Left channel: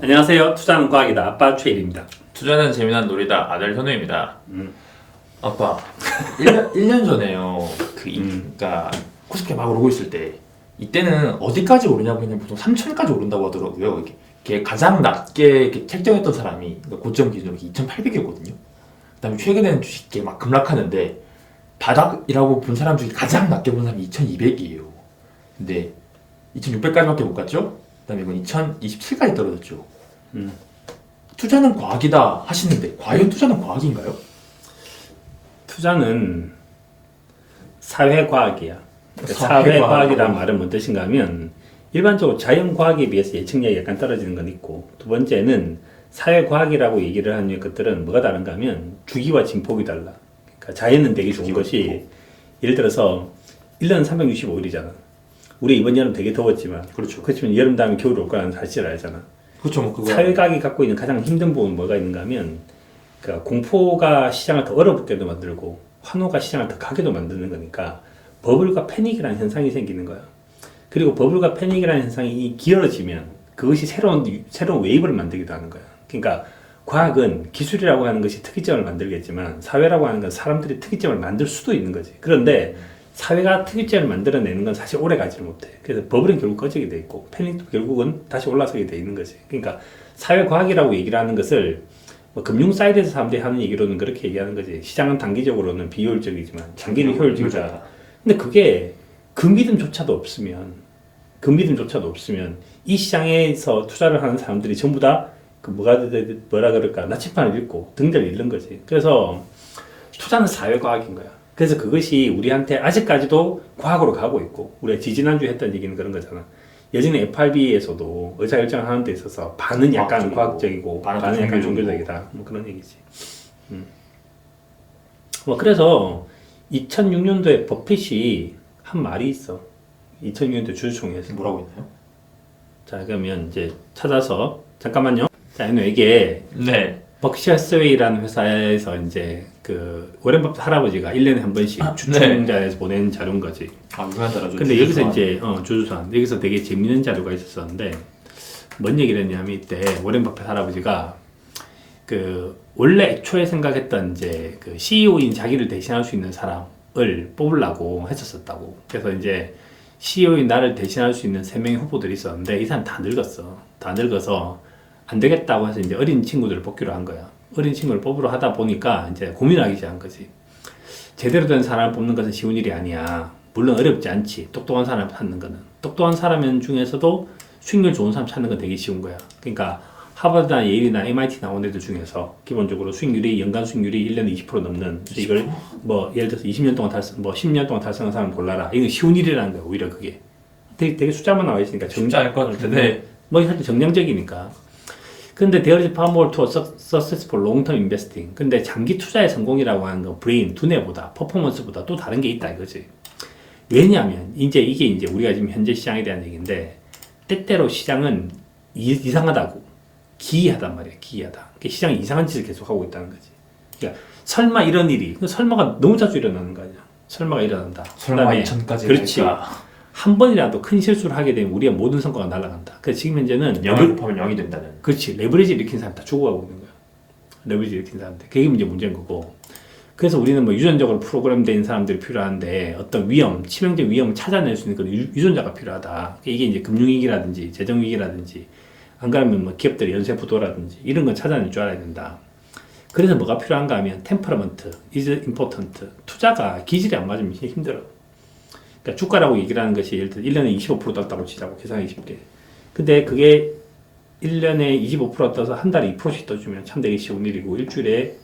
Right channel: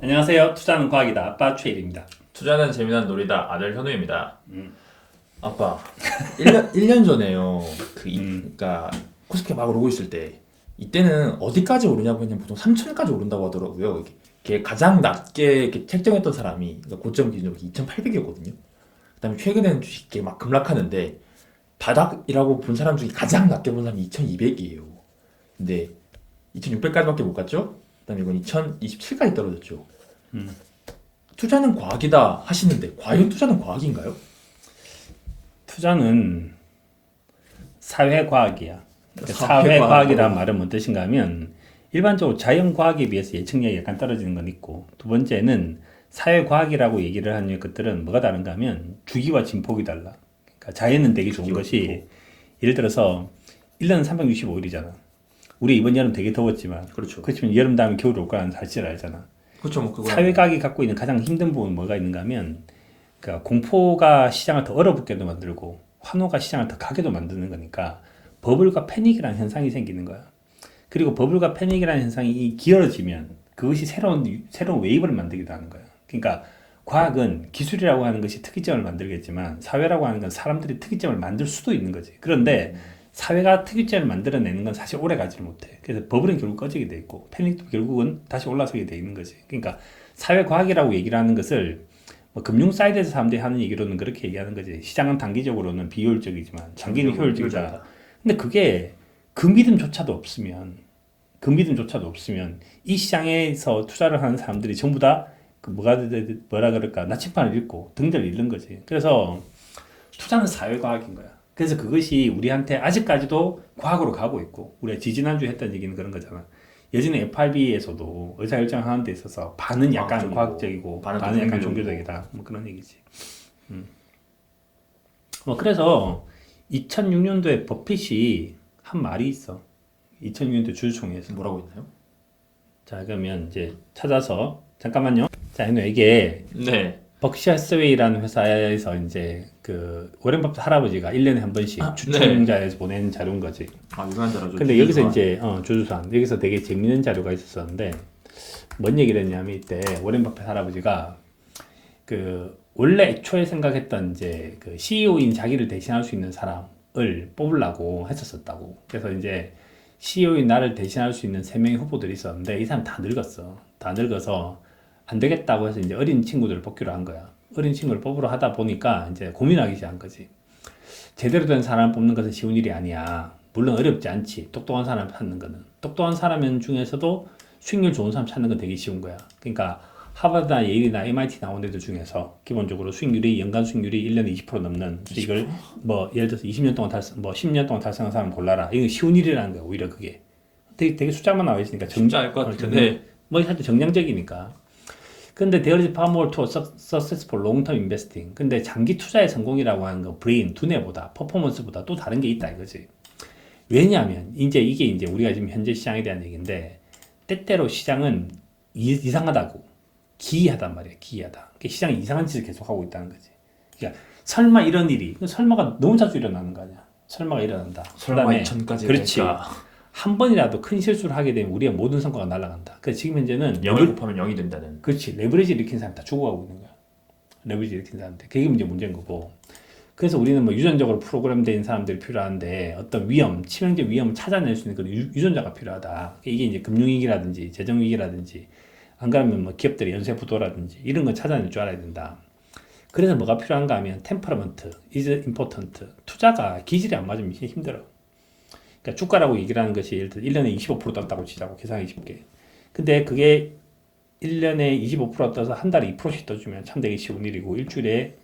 안녕하세요. 투자는 과학이다. 아빠 최일입니다. 투자는 재미난 놀이다. 아들 현우입니다. 아빠, 1년 전에요. 그러니까 코스피가 막 오르고 있을 때 이때는 어디까지 오르냐고 그냥 보통 3천까지 오른다고 하더라고요. 이게 가장 낮게 이렇게 책정했던 사람이 그러니까 고점 기준으로 2,800이었거든요. 그다음에 최근에는 주식이 막 급락하는데 바닥이라고 본 사람 중에 가장 낮게 본 사람이 2,200이에요. 근데 2,600까지밖에 못 갔죠? 그다음에 이건 2027까지 떨어졌죠. 투자는 과학이다 하시는데 과연 투자는 과학인가요? 투자는 사회과학이야. 사회과학. 사회과학이란 말은 뭔 뜻인가 하면 일반적으로 자연과학에 비해서 예측력이 약간 떨어지는 건 있고, 두 번째는 사회과학이라고 얘기를 하는 것들은 뭐가 다른가 하면 주기와 진폭이 달라. 그러니까 자연은 되게 좋은 것이 예를 들어서 1년은 365일이잖아. 우리 이번 여름 되게 더웠지만, 그렇죠. 그렇지만 여름 다음에 겨울 올 거라는 사실을 알잖아. 그렇죠. 뭐 그거 사회과학이 갖고 있는 가장 힘든 부분은 뭐가 있는가 하면, 그러니까 공포가 시장을 더 얼어붙게도 만들고 환호가 시장을 더 가게도 만드는 거니까 버블과 패닉이라는 현상이 생기는 거야. 그리고 버블과 패닉이라는 현상이 길어지면 그것이 새로운 웨이브를 만들기도 하는 거야. 그러니까 과학은 기술이라고 하는 것이 특이점을 만들겠지만 사회라고 하는 건 사람들이 특이점을 만들 수도 있는 거지. 그런데 사회가 특이점을 만들어내는 건 사실 오래 가지를 못해. 그래서 버블은 결국 꺼지게 돼 있고 패닉도 결국은 다시 올라서게 돼 있는 거지. 그러니까 사회과학이라고 얘기를 하는 것을 뭐 금융 사이드에서 사람들이 하는 얘기로는 그렇게 얘기하는 거지. 시장은 단기적으로는 비효율적이지만 장기는 효율적이다. 근데 그게 그 믿음조차도 없으면 이 시장에서 투자를 하는 사람들이 전부 다 그 뭐라 그럴까 나침반을 읽고 등대를 읽는 거지. 그래서 투자는 사회과학인 거야. 그래서 그것이 우리한테 아직까지도 과학으로 가고 있고, 우리가 지지난주에 했던 얘기는 그런 거잖아. 예전에 FRB에서도 의사결정을 하는 데 있어서 반은 약간 과학적이고 반은 약간 종교적이다. 뭐 그런 얘기지. 뭐 그래서 2006년도에 버핏이 한 말이 있어. 2006년도 주주총회에서 뭐라고 했나요? 자, 그러면 이제 찾아서 잠깐만요. 자, 이게 네. 버크셔 스웨이라는 회사에서 이제 그 워렌 버핏 할아버지가 1년에 한 번씩 주총자에서 보낸 자료인 거지. 유명한 자료죠. 근데 여기서 이제 주주산 여기서 되게 재밌는 자료가 있었었는데 뭔 얘기를 했냐면 이때 워렌 버핏 할아버지가 그 원래 애초에 생각했던 이제 그 CEO인 자기를 대신할 수 있는 사람을 뽑으려고 했었었다고. 그래서 이제 CEO인 나를 대신할 수 있는 3명의 후보들이 있었는데 이 사람 다 늙었어. 다 늙어서 안 되겠다고 해서 이제 어린 친구들을 뽑기로 한 거야. 어린 친구를 뽑으러 하다 보니까 이제 고민하기 시작한 거지. 제대로 된 사람을 뽑는 것은 쉬운 일이 아니야. 물론 어렵지 않지. 똑똑한 사람을 찾는 거는. 똑똑한 사람 중에서도 수익률 좋은 사람 찾는 건 되게 쉬운 거야. 그러니까 하버드나 예일이나 MIT 나온 애들 중에서 기본적으로 연간 수익률이 1년에 20% 넘는 이걸 뭐 예를 들어서 20년 동안 10년 동안 달성한 사람 골라라. 이건 쉬운 일이라는 거야. 오히려 그게. 되게 숫자만 나와 있으니까 쉽지 않을 것 같은데. 뭐 사실 정량적이니까. 근데 there is far more to a successful long-term investing. 근데 장기 투자의 성공이라고 하는 건 브레인, 두뇌보다, 퍼포먼스보다 또 다른 게 있다 이거지. 왜냐하면 이게 이제 우리가 지금 현재 시장에 대한 얘기인데 때때로 시장은 이상하다고 기이하단 말이야. 기이하다. 그러니까 시장이 이상한 짓을 계속 하고 있다는 거지. 그러니까 설마 이런 일이 설마가 너무 자주 일어나는 거 아니야. 설마가 일어난다. 설마 2000까지 그렇지. 될까? 한 번이라도 큰 실수를 하게 되면 우리의 모든 성과가 날아간다. 그래서 지금 현재는 0을 곱하면 0이 된다는. 그렇지. 레버리지 일으킨 사람 다 죽어가고 있는 거야. 레버리지 일으킨 사람들. 그게 이제 문제인 거고. 그래서 우리는 뭐 유전적으로 프로그램된 사람들이 필요한데 어떤 치명적 위험을 찾아낼 수 있는 그런 유전자가 필요하다. 이게 이제 금융위기라든지 재정위기라든지 안 그러면 뭐 기업들의 연쇄 부도라든지 이런 건 찾아낼 줄 알아야 된다. 그래서 뭐가 필요한가 하면 템퍼러먼트, is important. 투자가 기질이 안 맞으면 힘들어. 그러니까 주가라고 얘기를 하는 것이 예를 들어 1년에 25% 떴다고 치자고 계산하기 쉽게. 근데 그게 1년에 25% 떠서 한 달에 2%씩 떠주면 참 되게 쉬운 일이고 일주일에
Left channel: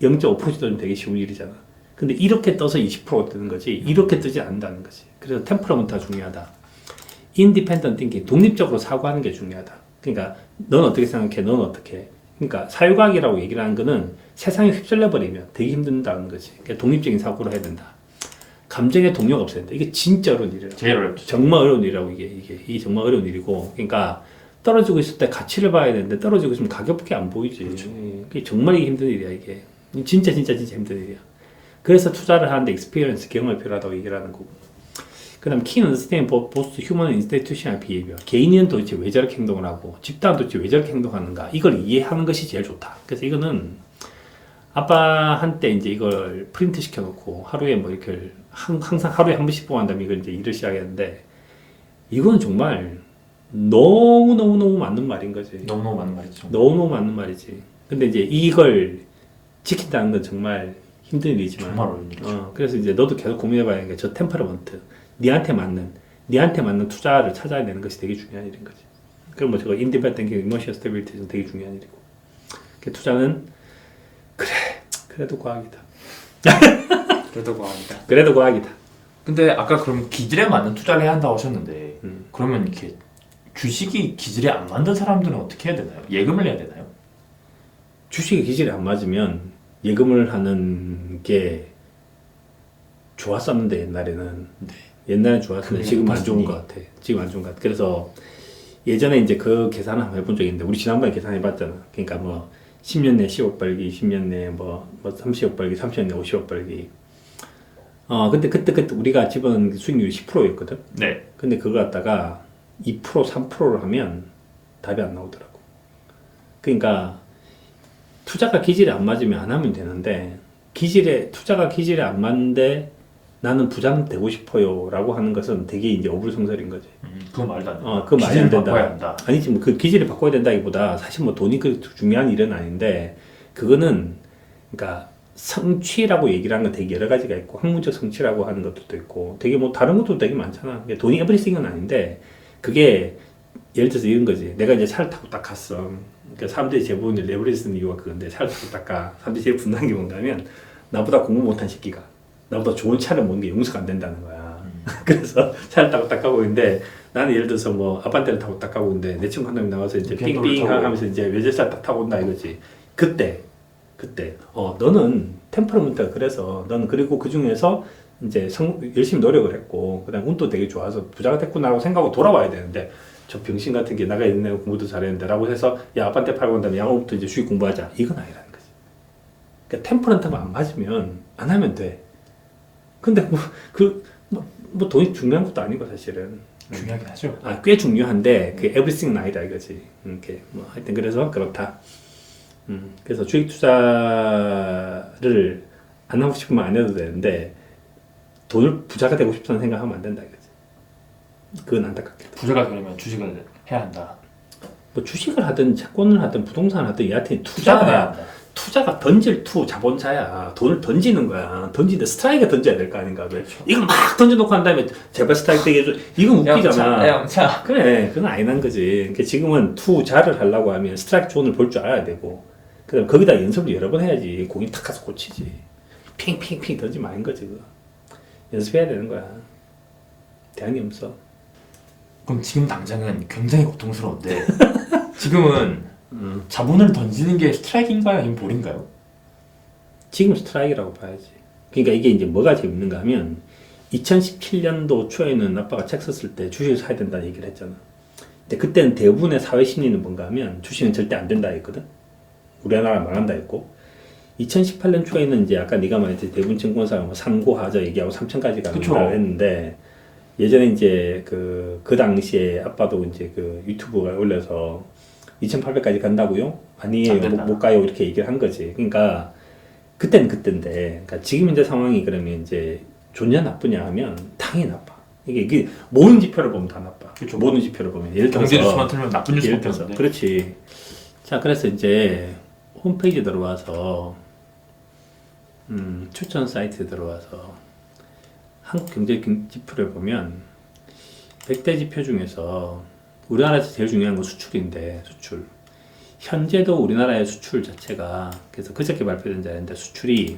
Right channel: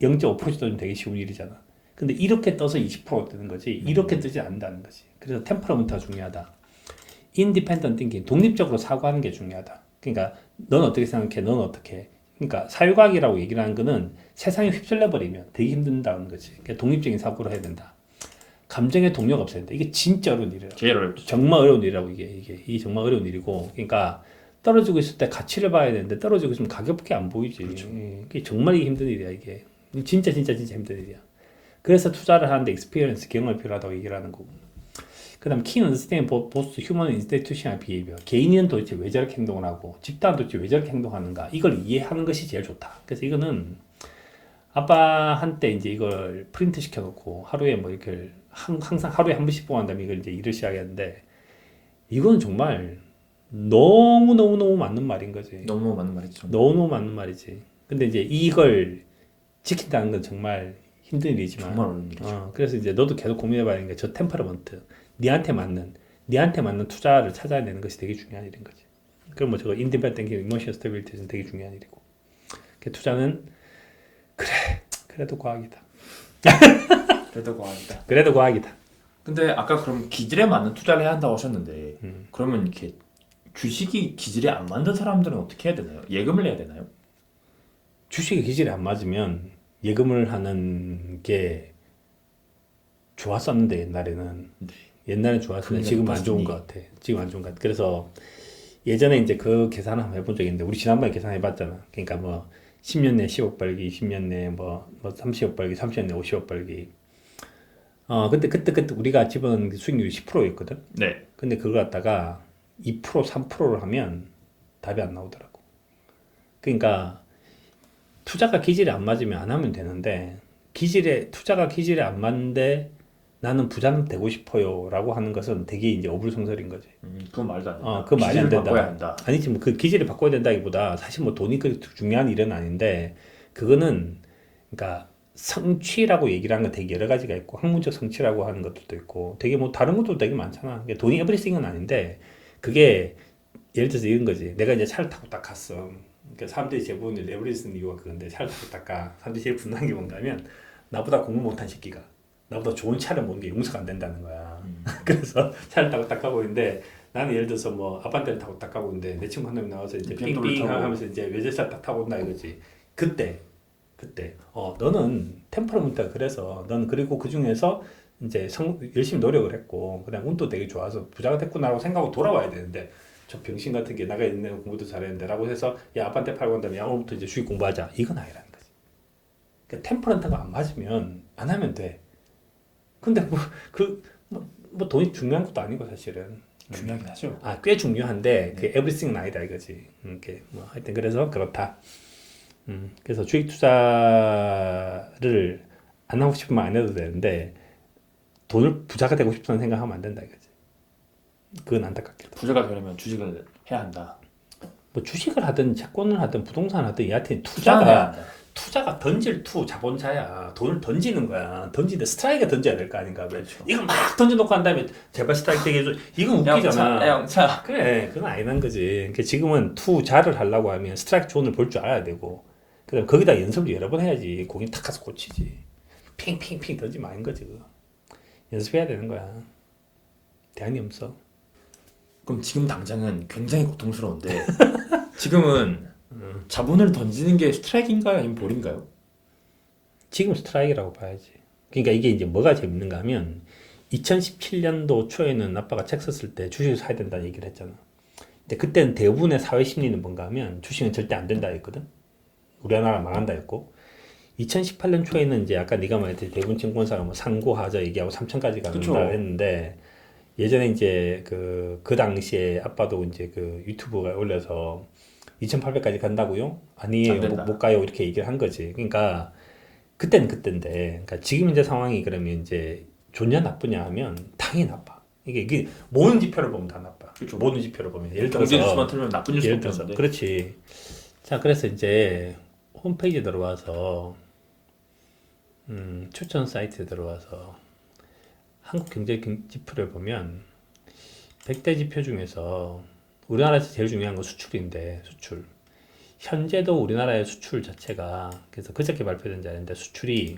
0.5%씩 떠주면 되게 쉬운 일이잖아. 근데 이렇게 떠서 20%가 뜨는 거지 이렇게 뜨지 않는다는 거지. 그래서 템퍼러먼트가 중요하다. 인디펜던트 띵킹, 독립적으로 사고하는 게 중요하다. 그러니까 넌 어떻게 생각해? 넌 어떻게 해? 그러니까 사회과학이라고 얘기를 하는 거는 세상에 휩쓸려 버리면 되게 힘든다는 거지. 그러니까 독립적인 사고를 해야 된다. 감정의 동료가 없어야 된다. 이게 진짜 어려운 일이라고. 제일 어렵죠. 정말 어려운 일이라고 이게 정말 어려운 일이고. 그러니까 떨어지고 있을 때 가치를 봐야 되는데 떨어지고 있으면 가격밖에 안 보이지. 그렇죠. 그게 정말 이게 힘든 일이야 이게. 진짜 힘든 일이야. 그래서 투자를 하는데 익스피리언스 경험이 필요하다고 얘기를 하는 거고. 그다음 key understanding both human and institutional behavior. 개인은 도대체 왜 저렇게 행동을 하고 집단은 도대체 왜 저렇게 행동하는가 이걸 이해하는 것이 제일 좋다. 그래서 이거는 아빠한테 이제 이걸 프린트 시켜놓고 하루에 뭐 이렇게 항상 하루에 한 번씩 보고 한 다음에 이걸 이제 일을 시작했는데 이거는 정말 너무 맞는 말인 거지. 너무너무 맞는 말이죠. 너무 맞는 말이지. 근데 이제 이걸 지킨다는 건 정말 힘든 일이지만 정말 어려운 일이죠. 그래서 이제 너도 계속 고민해봐야 하는 게 저 템퍼러먼트 니한테 맞는 투자를 찾아야 되는 것이 되게 중요한 일인 거지. 그럼 뭐 저거 인디펜던트 이모션 스테빌리티는 되게 중요한 일이고 그 투자는 그래도 과학이다. 그래도 과학이다. 그래도 과학이다. 근데 아까 그럼 기질에 맞는 투자를 해야 한다고 하셨는데 그러면 이렇게 주식이 기질에 안 맞는 사람들은 어떻게 해야 되나요? 예금을 해야 되나요? 주식의 기질이 안 맞으면 예금을 하는 게 좋았었는데 옛날에는 옛날엔 좋았었는데 지금 안 좋은 것 같아. 지금 안 좋은 것 같아. 그래서 예전에 이제 그 계산을 한번 해본 적이 있는데 우리 지난번에 계산해봤잖아. 그러니까 뭐 10년 내 10억 벌기, 10년 내 뭐 30억 벌기, 30년 내 50억 벌기. 근데 그때 우리가 집어넣은 수익률이 10%였거든. 네. 근데 그걸 갖다가 2%, 3%를 하면 답이 안 나오더라고. 그러니까 투자가 기질에 안 맞으면 안 하면 되는데 투자가 기질에 안 맞는데 나는 부자는 되고 싶어요라고 하는 것은 되게 이제 어불성설인 거지. 그건 말도 안 된다. 그 말이 안 된다. 바꿔야 한다. 아니지 뭐 그 기질을 바꿔야 된다기보다 사실 뭐 돈이 그 중요한 일은 아닌데 그거는 그러니까 성취라고 얘기를 하는 건 되게 여러 가지가 있고 학문적 성취라고 하는 것도 있고 되게 뭐 다른 것도 되게 많잖아. 돈이 에브리띵은 아닌데 그게 예를 들어서 이런 거지. 내가 이제 차를 타고 딱 갔어. 그러니까 사람들이 제 보고 이제 레버리지 쓰는 이유가 그건데 차를 타고 딱 가. 사람들이 제일 분노한 게 뭔가면 나보다 공부 못한 새끼가 나보다 좋은 차를 모는 게 용서가 안 된다는 거야. 그래서 차를 타고 딱 가고 있는데 나는 예를 들어서 뭐 아파트를 타고 딱 가고 있는데 내 친구 한 명이 나와서 이제 삥삥 하면서 이제 외제차 딱 타고 온다 이거지. 그때 너는 템퍼러먼트가 그래서 너는 그리고 그 중에서 이제 열심히 노력을 했고 그다음 운도 되게 좋아서 부자가 됐구나라고 생각하고 돌아와야 되는데 저 병신 같은 게 나가 있는 공부도 잘했는데라고 해서 야 아빠한테 팔고 난 다음에 양호부터 이제 수익 공부하자 이건 아니라는 거지. 그러니까 템퍼런트가 안 맞으면 안 하면 돼. 근데 뭐 돈이 중요한 것도 아니고 사실은 중요하긴 하죠. 꽤 중요한데 그 에브리띵은 아니다 이거지. 이렇게 뭐 하여튼 그래서 그렇다. 그래서 주식 투자를 안 하고 싶으면 안 해도 되는데 돈을 부자가 되고 싶다는 생각하면 안 된다 이거지. 그건 안타깝게. 부자가 되려면 주식을 해야 한다. 뭐 주식을 하든 채권을 하든 부동산을 하든 여하튼 투자를 해야 한다. 투자가 던질 자본자야. 돈을 던지는 거야. 던지는데 스트라이크가 던져야 될 거 아닌가. 그렇죠. 이거 막 던져놓고 한 다음에 제발 스트라이크 되게 해줘. 이건 웃기잖아. 영차. 그래, 그건 아니란 거지. 그러니까 지금은 투자를 하려고 하면 스트라이크 존을 볼 줄 알아야 되고, 그다음 거기다 연습을 여러 번 해야지. 공이 탁 가서 꽂히지. 핑핑핑 던지면 아닌 거지. 그거. 연습해야 되는 거야. 대안이 없어. 그럼 지금 당장은 굉장히 고통스러운데 지금은 자본을 던지는 게 스트라이크인가요? 아니면 볼인가요? 지금 스트라이크라고 봐야지. 그러니까 이게 이제 뭐가 재밌는가 하면 2017년도 초에는 아빠가 책 썼을 때 주식을 사야 된다는 얘기를 했잖아. 근데 그때는 대부분의 사회 심리는 뭔가 하면 주식은 절대 안 된다 했거든. 우리나라 망한다 했고 2018년 초에는 이제 아까 네가 말했듯이 대부분 증권사가 뭐 3고 하자 얘기하고 3천까지 간다 했는데 예전에 이제 그 당시에 아빠도 이제 그 유튜브가 올려서 2,800까지 간다고요? 아니에요. 못 가요. 이렇게 얘기를 한 거지. 그러니까 그때는 그때인데, 그러니까 지금 이제 상황이 그러면 이제 좋냐 나쁘냐 하면 당연히 나빠. 이게 모든 지표를 보면 다 나빠. 그렇죠. 모든 지표를 보면 예를 들어서 경제 뉴스만 틀면 나쁜 뉴스밖에 없는데. 그렇지. 자, 그래서 이제 홈페이지 들어와서 추천 사이트에 들어와서 한국 경제 지표를 보면 100대 지표 중에서 우리나라에서 제일 중요한 건 수출인데 수출. 현재도 우리나라의 수출 자체가 그래서 그저께 발표된 자인데 수출이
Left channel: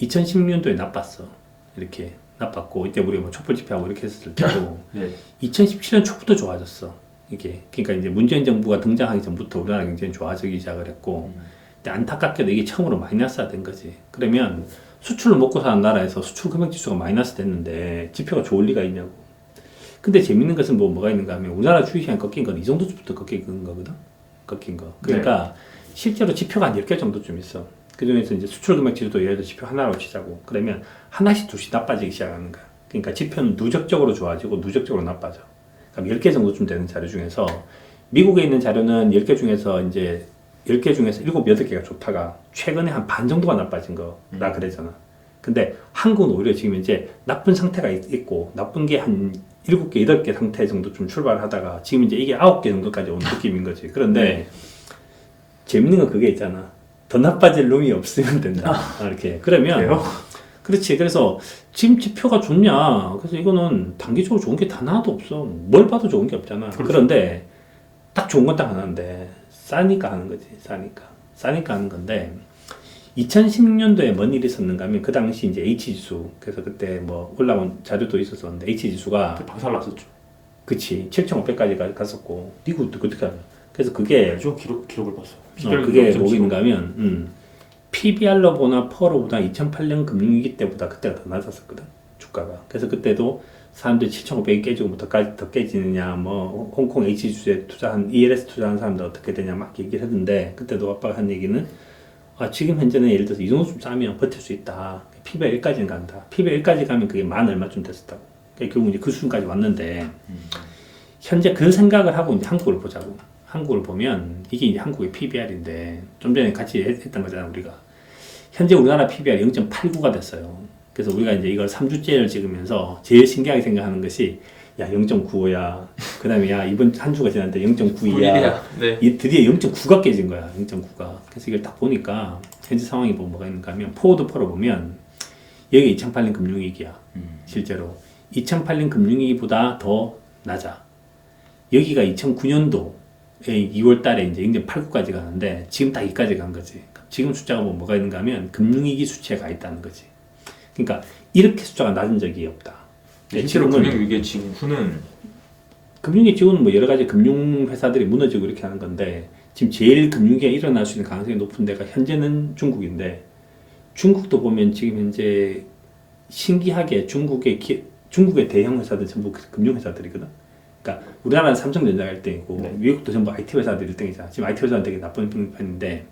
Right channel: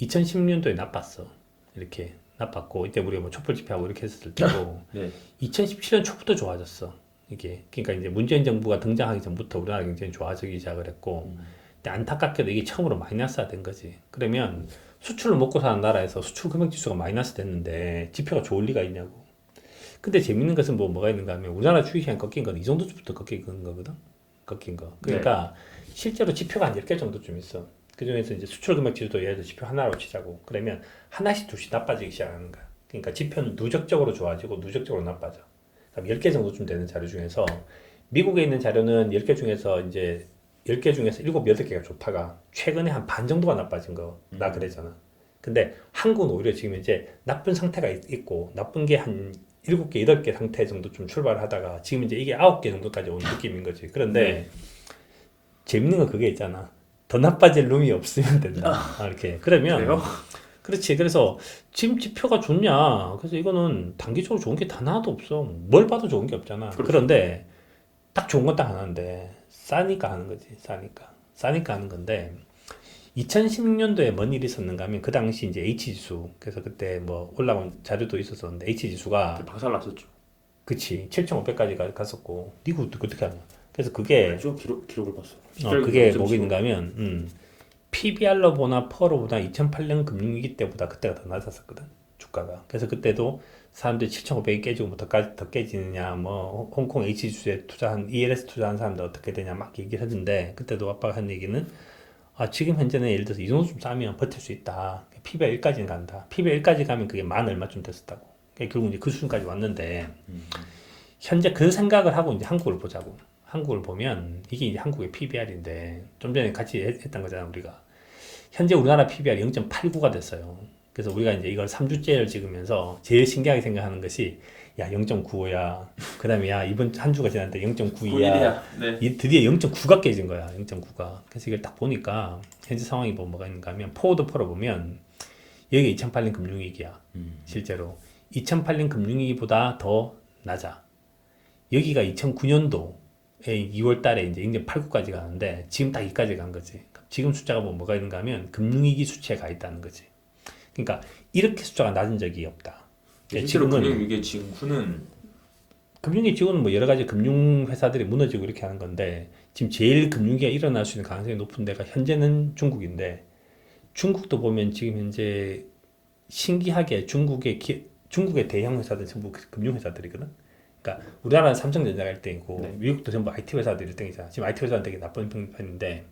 2016년도에 나빴어. 이렇게 나빴고 이때 우리 뭐 촛불 집회하고 이렇게 했을 때도 네. 2017년 초부터 좋아졌어. 이게 그러니까 이제 문재인 정부가 등장하기 전부터 우리나라 경제는 좋아지기 시작을 했고 근데 안타깝게도 이게 처음으로 마이너스가 된 거지. 그러면 수출로 먹고 사는 나라에서 수출 금액 지수가 마이너스 됐는데 지표가 좋을 리가 있냐고. 근데 재밌는 것은 뭐가 있는가 하면 우리나라 주식시장 꺾인 건 이 정도부터 꺾인 거거든. 꺾인 거. 그러니까 실제로 지표가 한 10개 정도쯤 있어. 그 중에서 이제 수출 금액 지수도 예를 들어 지표 하나로 치자고. 그러면 하나씩 둘씩 나빠지기 시작하는 거야. 그러니까 지표는 누적적으로 좋아지고 누적적으로 나빠져. 그럼 10개 정도쯤 되는 자료 중에서 미국에 있는 자료는 10개 중에서 이제 10개 중에서 7, 8개가 좋다가 최근에 한 반 정도가 나빠진 거나 그랬잖아. 근데 한국은 오히려 지금 이제 나쁜 상태가 있고 나쁜 게 한 7개, 8개 상태 정도 좀 출발하다가 지금 이제 이게 9개 정도까지 온 느낌인 거지. 그런데 재밌는 건 그게 있잖아. 더 나빠질 놈이 없으면 된다. 이렇게. 그러면 그래요? 그렇지. 그래서 지금 지표가 좋냐? 그래서 이거는 단기적으로 좋은 게 다 하나도 없어. 뭘 봐도 좋은 게 없잖아. 그렇죠. 그런데 딱 좋은 건 딱 하나인데 싸니까 하는 거지. 싸니까 하는 건데 2016년도에 뭔 일이 있었는가 하면 그 당시 이제 H지수 그래서 그때 뭐 올라온 자료도 있었었는데 H지수가 박살났었죠. 그치 7,500까지 갔었고 이거 어떻게 하냐? 그래서 그게 알죠? 기록을 봤어. 그게 뭐인가 하면 PBR로 보나 퍼로 보나 2008년 금융위기 때보다 그때가 더 낮았었거든 주가가. 그래서 그때도 사람들이 7,500이 깨지고 뭐 더 깨지느냐 뭐 홍콩 H지수에 투자한 ELS 투자한 사람들 어떻게 되냐 막 얘기를 했는데 그때도 아빠가 한 얘기는 지금 현재는 예를 들어서 이 정도 좀 싸면 버틸 수 있다. PBR 1까지는 간다. PBR 1까지 가면 그게 만 얼마쯤 됐었다고. 그러니까 결국 이제 그 수준까지 왔는데 현재 그 생각을 하고 이제 한국을 보자고. 한국을 보면 이게 이제 한국의 PBR인데 좀 전에 같이 했던 거잖아 우리가. 현재 우리나라 PBR 0.89가 됐어요. 그래서 우리가 이제 이걸 3주째를 찍으면서 제일 신기하게 생각하는 것이 야 0.95야. 그다음에 야 이번 한 주가 지났는데 0.92야. 네. 이 드디어 0.9가 깨진 거야. 0.9가. 그래서 이걸 딱 보니까 현재 상황이 뭐가 있는가 하면 포워드 퍼로 보면 여기 2008년 금융위기야. 실제로 2008년 금융위기보다 더 낮아. 여기가 2009년도에 2월 달에 이제 0.89까지 가는데 지금 딱 여기까지 간 거지. 지금 숫자가 뭐가 있는가 하면 금융위기 수치에 가 있다는 거지. 그러니까 이렇게 숫자가 낮은 적이 없다. 실제로 금융위기 직후는 금융위기 직후는 뭐 여러 가지 금융회사들이 무너지고 이렇게 하는 건데 지금 제일 금융위기가 일어날 수 있는 가능성이 높은 데가 현재는 중국인데 중국도 보면 지금 현재 신기하게 중국의 대형 회사들 전부 금융회사들이거든. 그러니까 우리나라는 삼성전자가 1등이고 미국도 전부 IT 회사들이 1등이잖아. 지금 IT 회사는 되게 나쁜 편인데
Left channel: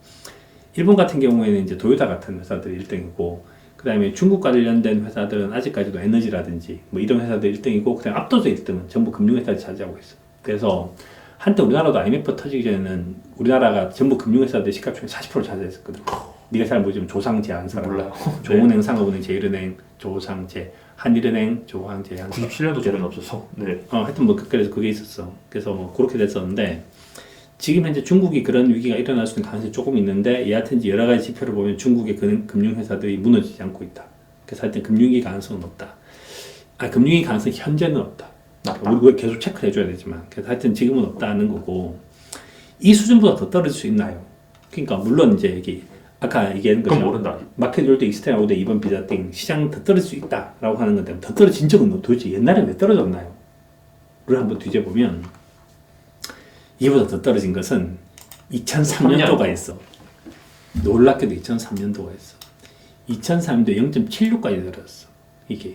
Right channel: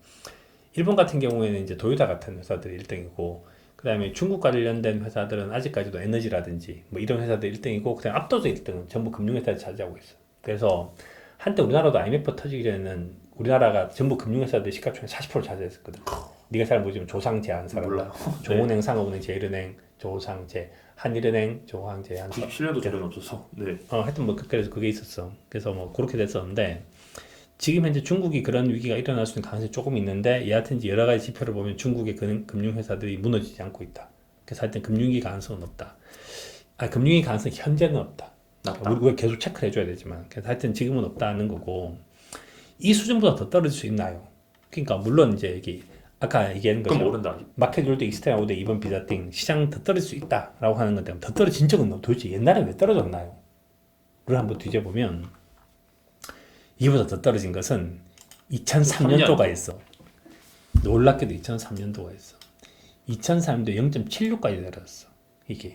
일본 같은 경우에는 이제 도요타 같은 회사들이 1등이고 그다음에 중국 관련된 회사들은 아직까지도 에너지라든지 뭐 이런 회사들 1등이고 그다음 압도적 1등은 전부 금융회사들이 차지하고 있어. 그래서 한때 우리나라도 IMF 터지기 전에는 우리나라가 전부 금융회사들 시가총액 40% 차지했었거든. 네가 잘 모르지만 조상제 한사람 몰라요. 조은행, 상업은행, 제일은행, 조상제, 한일은행, 조항제, 한사. 97년도 저는 없어서. 네. 하여튼 뭐 그래서 그게 있었어. 그래서 뭐 그렇게 됐었는데 지금 현재 중국이 그런 위기가 일어날 수 있는 가능성이 조금 있는데 여하튼 이제 여러 가지 지표를 보면 중국의 금융회사들이 무너지지 않고 있다. 그래서 하여튼 금융위기 가능성은 없다. 금융위기 가능성이 현재는 없다. 우리가 계속 체크를 해줘야 되지만 그래서 하여튼 지금은 없다는 거고 이 수준보다 더 떨어질 수 있나요? 그러니까 물론 이제 이게 아까 얘기하는 그건 거죠. 모른다. 마켓 올 때 익스테나 올때 이번 비자 땡 시장 더 떨어질 수 있다라고 하는 건데 더 떨어진 적은 도대체 옛날에 왜 떨어졌나요? 를 한번 뒤져보면 이보다 더 떨어진 것은 2003년도가 있어. 놀랍게도 2003년도가 있어. 2003년도에 0.76까지 떨어졌어. 이게.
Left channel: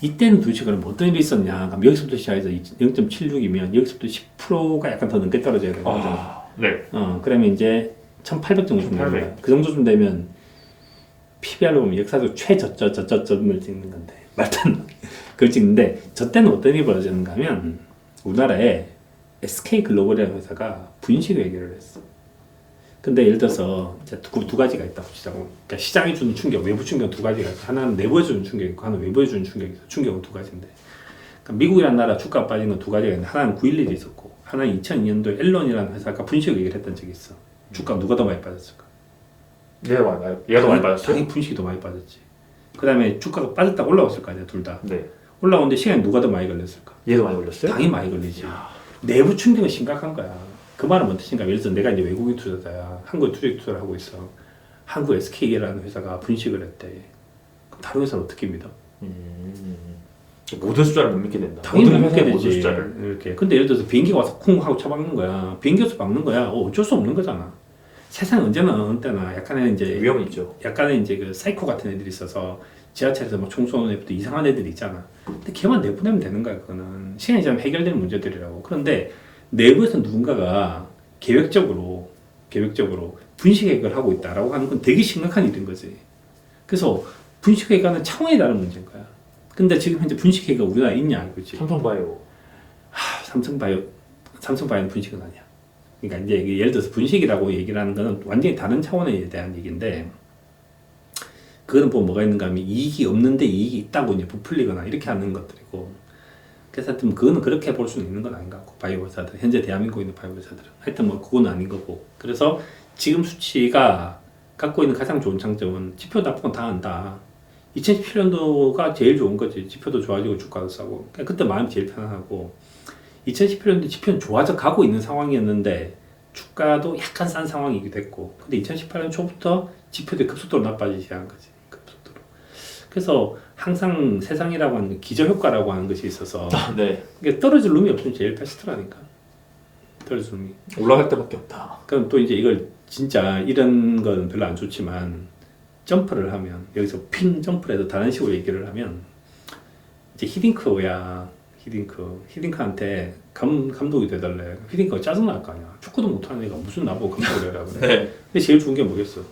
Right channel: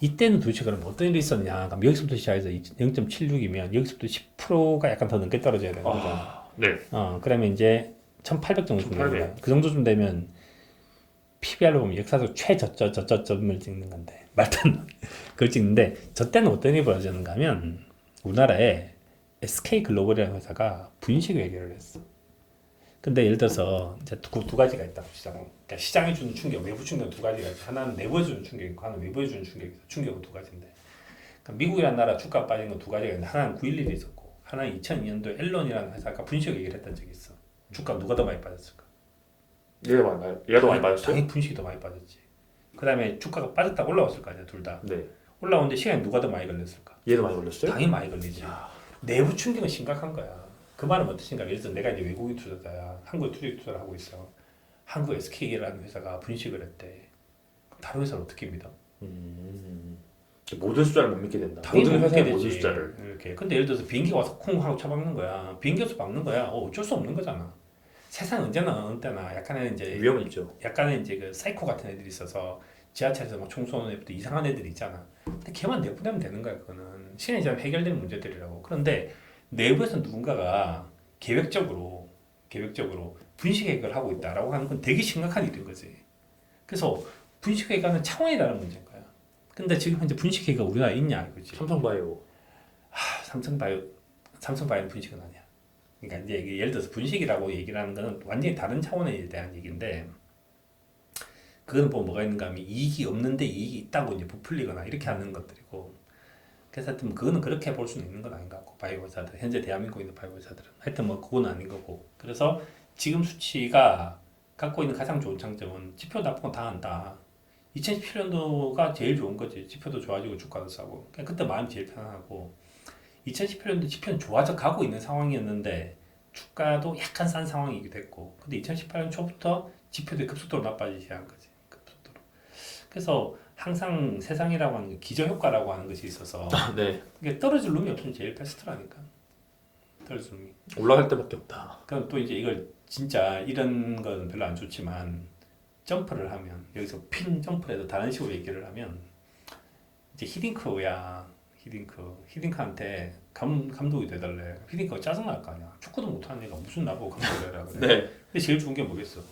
이때는 도대체 그럼 어떤 일이 있었냐? 그럼 여기서부터 시작해서 0.76이면 여기서부터 10%가 약간 더 넘게 떨어져야 되는 거잖아. 네. 그러면 이제 1,800 정도 되는 거야. 그 정도쯤 되면 PBR로 보면 역사적 최저점을 찍는 건데 말도 안 돼. 그걸 찍는데 저 때는 어떤 일이 벌어졌는가 하면 우리나라에 SK글로벌이라는 회사가 분식을 해결을 했어. 근데 예를 들어서 이제 두 가지가 있다고 치자고. 그러니까 시장이 주는 충격, 외부 충격 두 가지가 있고 하나는 내부에 주는 충격이 있고 하나는 외부에 주는 충격이 있어. 충격은 두 가지인데. 그러니까 미국이라는 나라 주가 빠진 건 두 가지가 있는데 하나는 9.11이 있었고 하나는 2002년도에 앨런이라는 회사가 분식을 얘기를 했던 적이 있어. 주가 누가 더 많이 빠졌을까? 얘가 더 많이 빠졌어요? 당연히 분식이 더 많이 빠졌지. 그 다음에 주가가 빠졌다 올라왔을 거 아니야 둘 다. 네. 올라오는데 시간이 누가 더 많이 걸렸을까? 얘도 많이 걸렸어요? 당연히 많이 걸리지. 내부 충격은 심각한 거야. 그 말은 뭔 뜻인가? 예를 들어서 내가 이제 외국인 투자자야. 한국에 투자를 하고 있어. 한국 SK라는 회사가 분식을 했대. 그럼 다른 회사는 어떻게 믿어? 모든 숫자를 못 믿게 된다. 당연히 못 믿게 모든 되지. 숫자를. 이렇게. 근데 예를 들어서 비행기가 와서 쿵 하고 쳐박는 거야. 비행기에서 박는 거야. 어쩔 수 없는 거잖아. 세상 언제나 어느 때나 약간의 이제 위험이 있죠. 약간의 이제 그 사이코 같은 애들이 있어서 지하철에서 막 총 쏘는 애들도 이상한 애들이 있잖아. 근데 걔만 내보내면 되는 거야. 그거는 시간이 지나면 해결되는 문제들이라고. 그런데 내부에서 누군가가 계획적으로 분식 해결을 하고 있다라고 하는 건 되게 심각한 일인 거지. 그래서 분식회계가 차원이 다른 문제인 거야. 근데 지금 현재 분식회계가 우리나라에 있냐 이거지. 삼성바이오. 삼성바이오는 분식은 아니야. 그러니까 이제 이게 예를 들어서 분식이라고 얘기를 하는 거는 완전히 다른 차원에 대한 얘기인데, 그거는 뭐가 있는가 하면 이익이 없는데 이익이 있다고 이제 부풀리거나 이렇게 하는 것들이고, 그래서 하여튼 그거는 그렇게 볼 수는 있는 건 아닌 것 같고, 바이오 회사들 현재 대한민국에 있는 바이오 회사들은 하여튼 뭐 그건 아닌 거고. 그래서 지금 수치가 갖고 있는 가장 좋은 장점은 지표 납품 다 한다. 2017년도가 제일 좋은 거지. 지표도 좋아지고 주가도 싸고. 그러니까 그때 마음이 제일 편안하고, 2018년도 지표는 좋아져 가고 있는 상황이었는데 주가도 약간 싼 상황이기도 했고, 근데 2018년 초부터 지표들이 급속도로 나빠지기 시작한 거지. 급속도로. 그래서 항상 세상이라고 하는 기저효과라고 하는 것이 있어서 네. 이게 떨어질 룸이 없으면 제일 베스트라니까. 떨어질 룸이. 올라갈 때밖에 없다. 그럼 또 이제 이걸 진짜 이런 건 별로 안 좋지만 점프를 하면, 여기서 핑 점프를 해도 다른 식으로 얘기를 하면, 이제 히딩크야. 히딩크한테 감독이 돼달래. 히딩크가 짜증날 거 아니야. 축구도 못하는 애가 무슨 나보고 감독을 해라 그래. 네. 근데 제일 좋은 게 뭐겠어?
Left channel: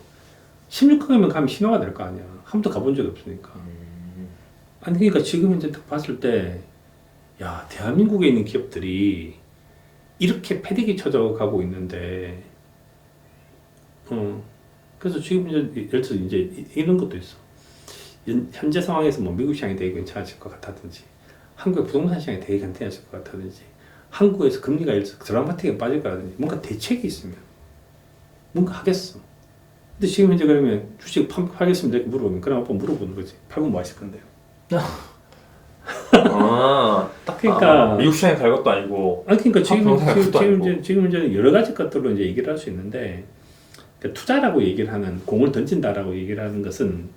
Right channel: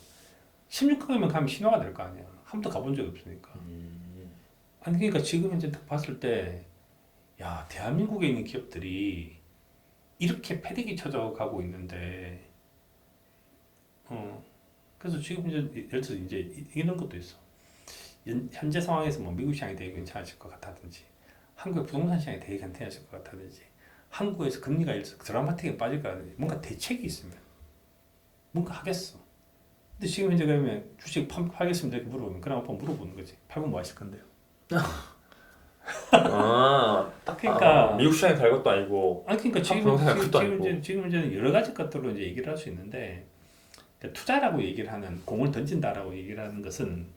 16강이면 가면 신화가 될 거 아니야. 한 번도 가본 적이 없으니까. 아니 그러니까 지금 이제 딱 봤을 때, 야, 대한민국에 있는 기업들이 이렇게 패대기 쳐져 가고 있는데, 그래서 지금 이제 예를 들어서 이제 이런 것도 있어. 현재 상황에서 뭐 미국 시장이 되게 괜찮아질 것 같다든지, 한국의 부동산 시장이 되게 괜찮아질 것 같다든지, 한국에서 금리가 예를 들어서 드라마틱하게 빠질 거라든지, 뭔가 대책이 있으면 뭔가 하겠어. 근데 지금 이제 그러면 주식 팔겠습니다 이렇게 물어보면, 그럼 아빠 물어보는 거지. 팔면 뭐 하실 건데요? 딱 그러니까 미국 시장에 갈 것도 아니고. 아니 그러니까 아니고. 지금 이제 여러 가지 것들로 이제 얘기를 할 수 있는데, 그러니까 투자라고 얘기를 하는, 공을 던진다라고 얘기를 하는 것은,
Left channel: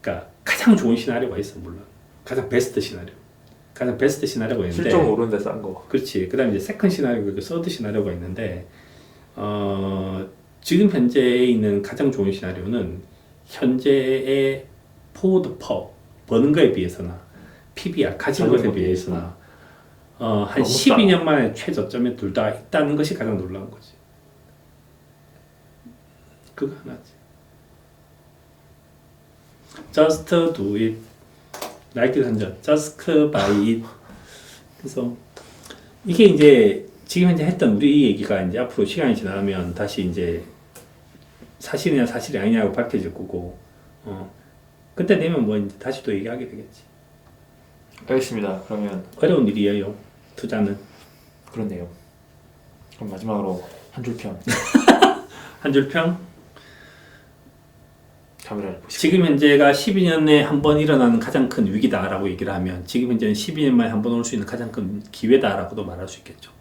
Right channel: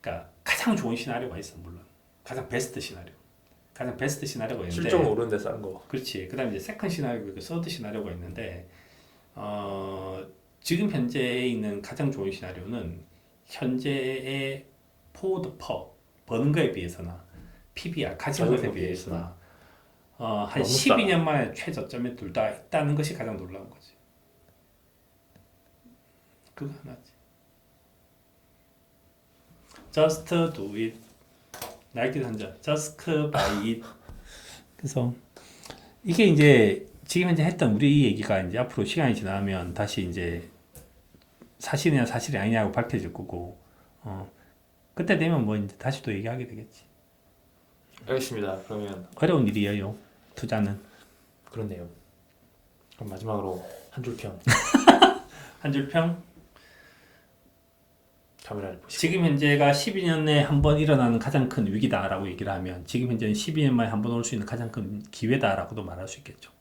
그러니까 가장 좋은 시나리오가 있어. 물론 가장 베스트 시나리오가 있는데, 실적 오르는데 싼 거. 그렇지. 그다음에 이제 세컨 시나리오, 서드 시나리오가 있는데, 지금 현재에 있는 가장 좋은 시나리오는 현재의 포워드 퍼 버는 거에 비해서나 PBR 가진 것에 비해서나 한 12년 만에 최저점에 둘 다 있다는 것이 가장 놀라운 거지. 그거 하나지. Just do it. 나이키 선전. Just buy it. 그래서 이게 이제 지금 현재 했던 우리 얘기가 이제 앞으로 시간이 지나면 다시 이제 사실이냐 사실이 아니냐고 밝혀질 거고, 그때 되면 뭐 이제 다시 또 얘기하게 되겠지. 알겠습니다. 그러면 어려운 일이에요, 투자는. 그렇네요. 그럼 마지막으로 한 줄 평. 한 줄 평. 카메라를 보시고. 지금 현재가 12년에 한 번 일어나는 가장 큰 위기다라고 얘기를 하면, 지금 현재는 12년 만에 한 번 올 수 있는 가장 큰 기회다라고도 말할 수 있겠죠.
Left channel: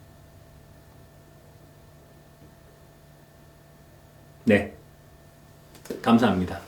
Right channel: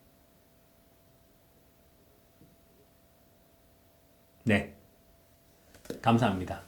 네. 감사합니다.